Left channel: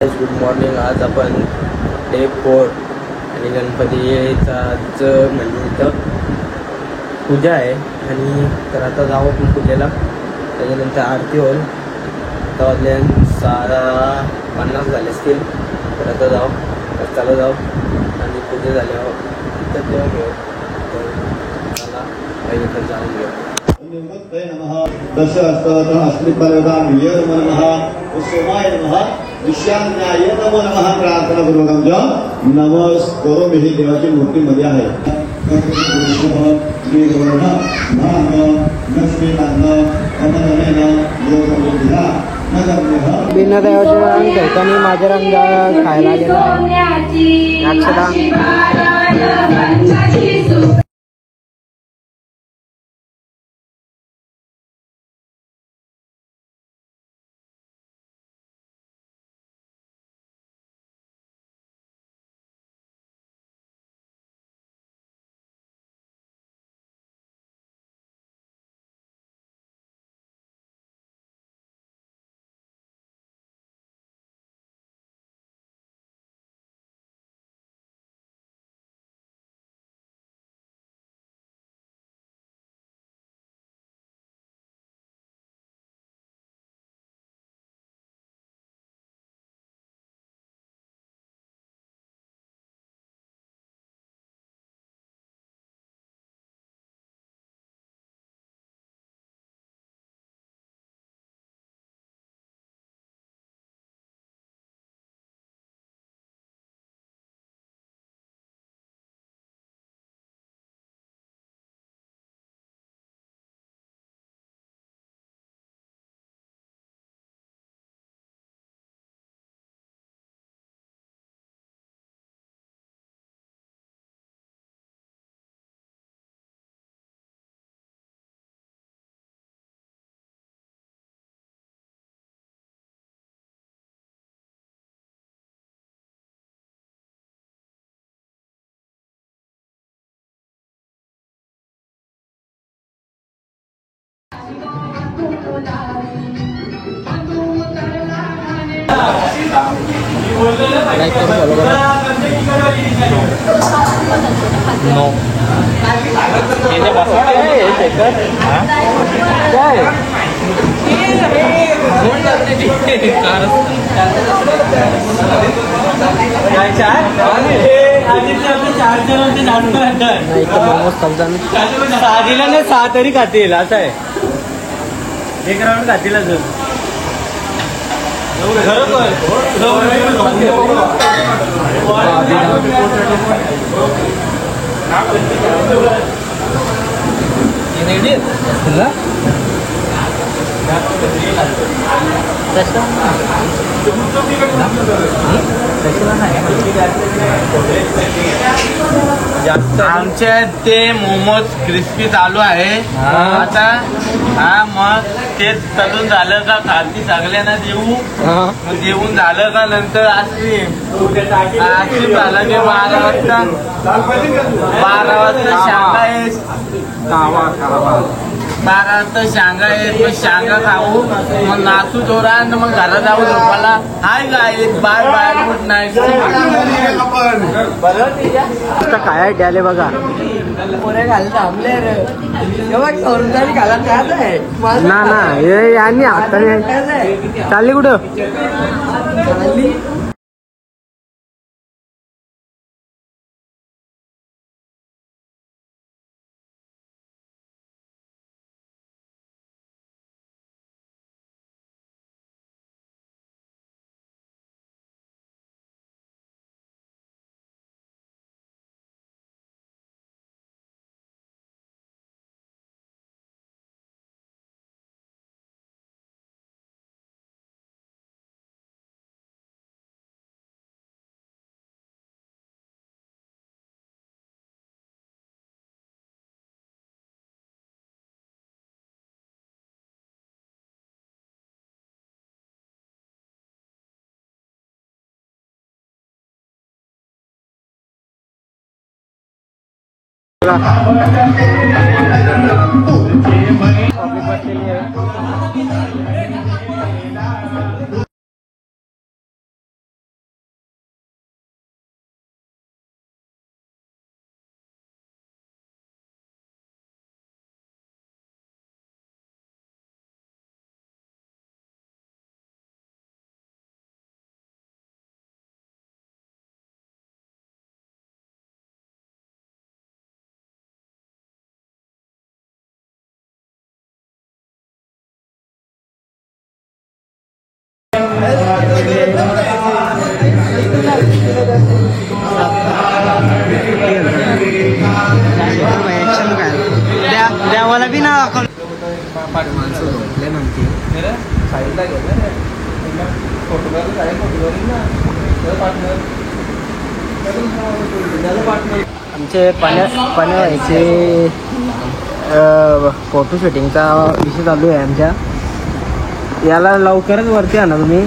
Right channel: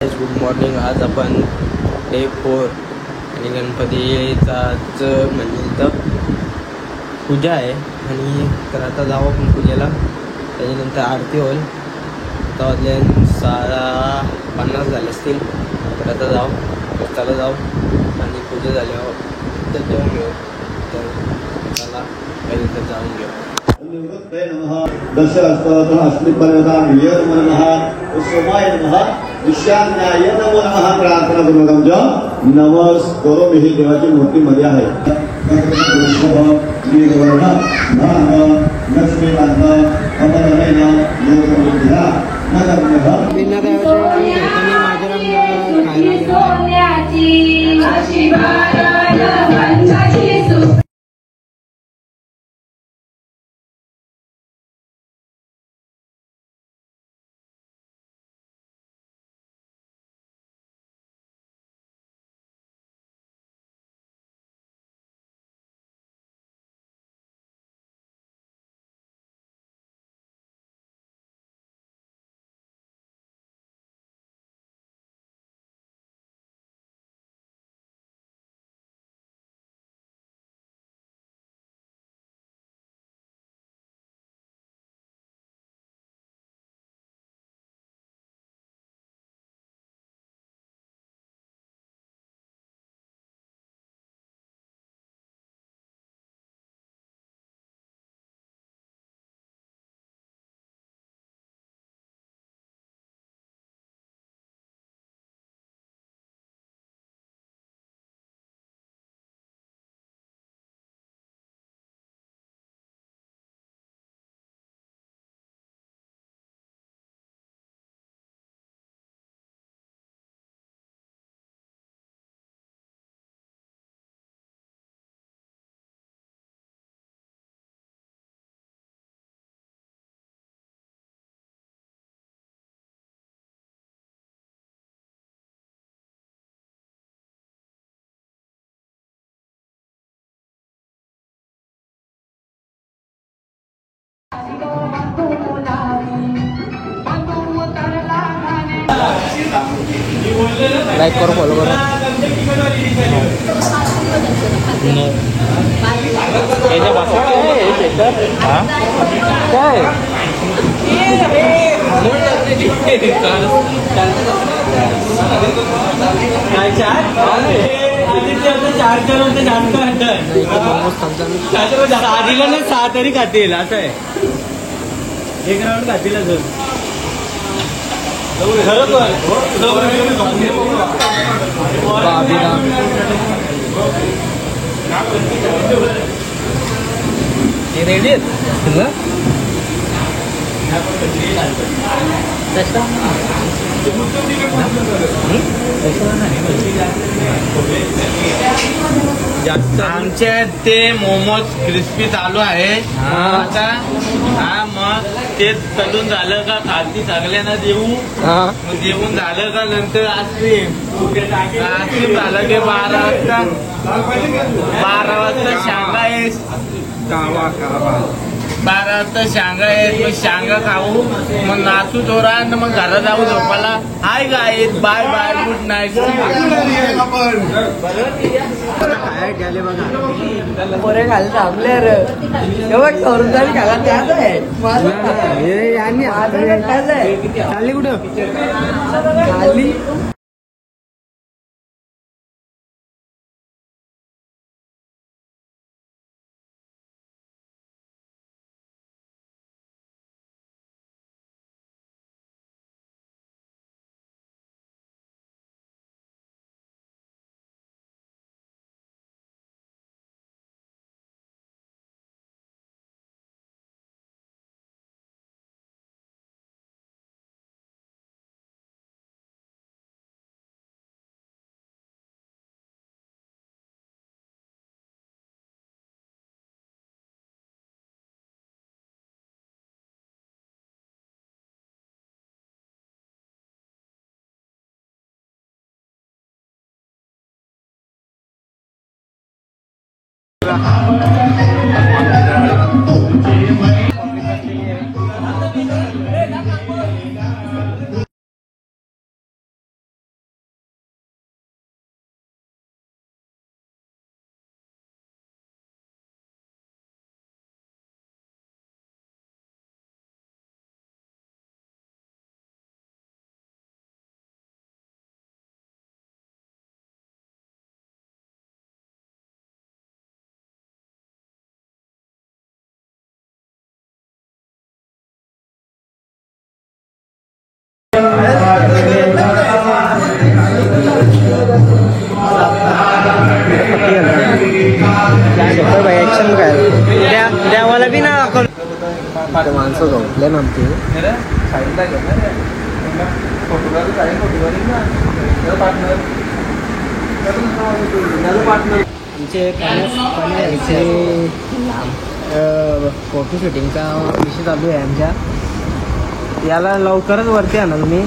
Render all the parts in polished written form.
Good morning. आज आपण day 4 आणि गणपतीचाच म्हणजे इथं पूजा आहे आणि तर आता जाऊ आपण पूजेला. त्याच्यानंतर आरती होईल. आता वाजले 6:50 झाले असतील. तर आता जाऊ रस्त्याला जाऊ आणि पूजा झाल्यावर तर तेव्हा घेऊ. चला पहिले तर जाऊन घेऊ. नमस्कार ही देवाची मूर्तीमध्ये आहे. बिना देवाचे रंग घेताना माझे रंग खायला गेला. आधीला 6 तरी खातील असं आहे. एक राऊंड खातील अजून. आमच्या ते मोमोज क्रिस्पी चालू आहे आता. हा मग ते तळून झालं का खालती सगळ्यांना देऊ. मग जेवून झालं का नंतर आईस्क्रीम झाला की 12 वाजता शांगा येत. 12 वाजता शांगा येत. मग शांगा खाऊ मग नाचू थोडा मग घरात जाऊ झोपाला. Hi guys bye bye good night. बरोबर खायला द्याले बघा. पोरे खाली थांबले रे एवढं ठरून तरी खाला ना हे यांनी चालली कुठं शेखर भाई ऍक्शन काय द्यावाला बी ना माणसं झोपले ना आमची आमचे पण्याचे फोटो शूटिंगचा विषय चालू आहे आमच्या. याला लवकरच वरती आणा मी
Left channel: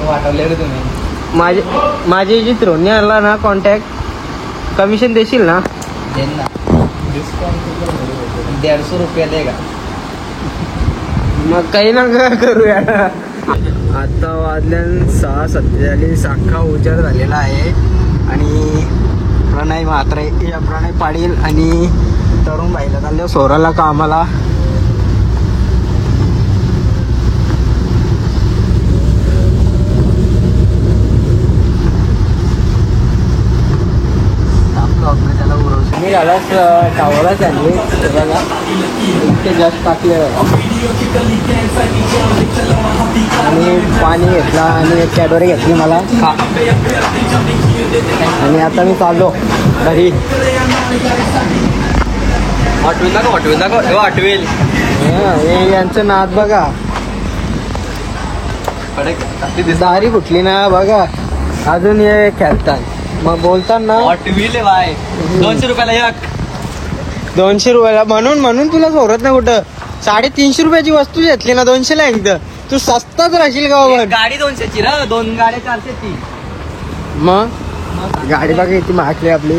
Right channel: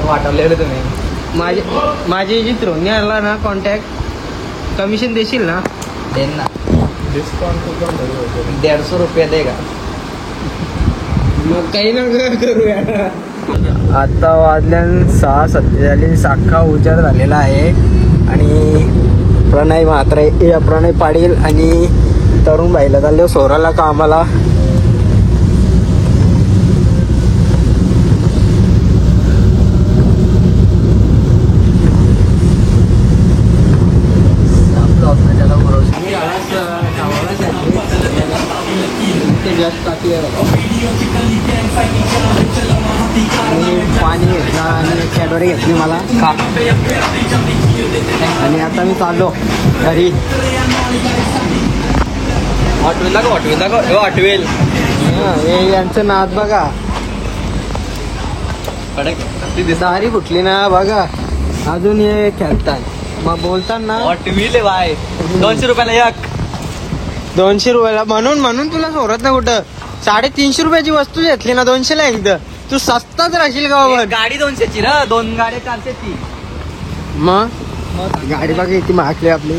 वाटवले तुम्ही. माझी जी त्रोणी आला ना कॉन्टॅक्ट कमिशन देशील ना? देन ना. डिस्काउंट 150 रुपये दे का? मग काही ना करूया. आता वाजल्या 6:47 अख्खा उजाड झालेला आहे आणि प्रणय म्हात्रे प्रणय पाटील आणि तरुण बाईला चालले सोराला कामाला. मी यालाच कामाला सांगले ते जास्त टाकले आणि पाणी घेतला आणि कॅडबरी घेतली मला आणि आता मी चाललो घरी. वाटवेल यांचं नाद बघा. दारी कुठली ना बघा अजून हे खेळतात. मग बोलताना वाटवेल बाय 200 रुपयाला एक. 200 रुपयाला म्हणून तुला सोडत नाही कुठं. 350 रुपयाची वस्तू घेतली ना 200 ला एकदा तू सस्ताच राहशील का बाबा. गाडी 200ची ना 2 गाड्या चालते ती. मग गाडी बघा किती महागली आपली.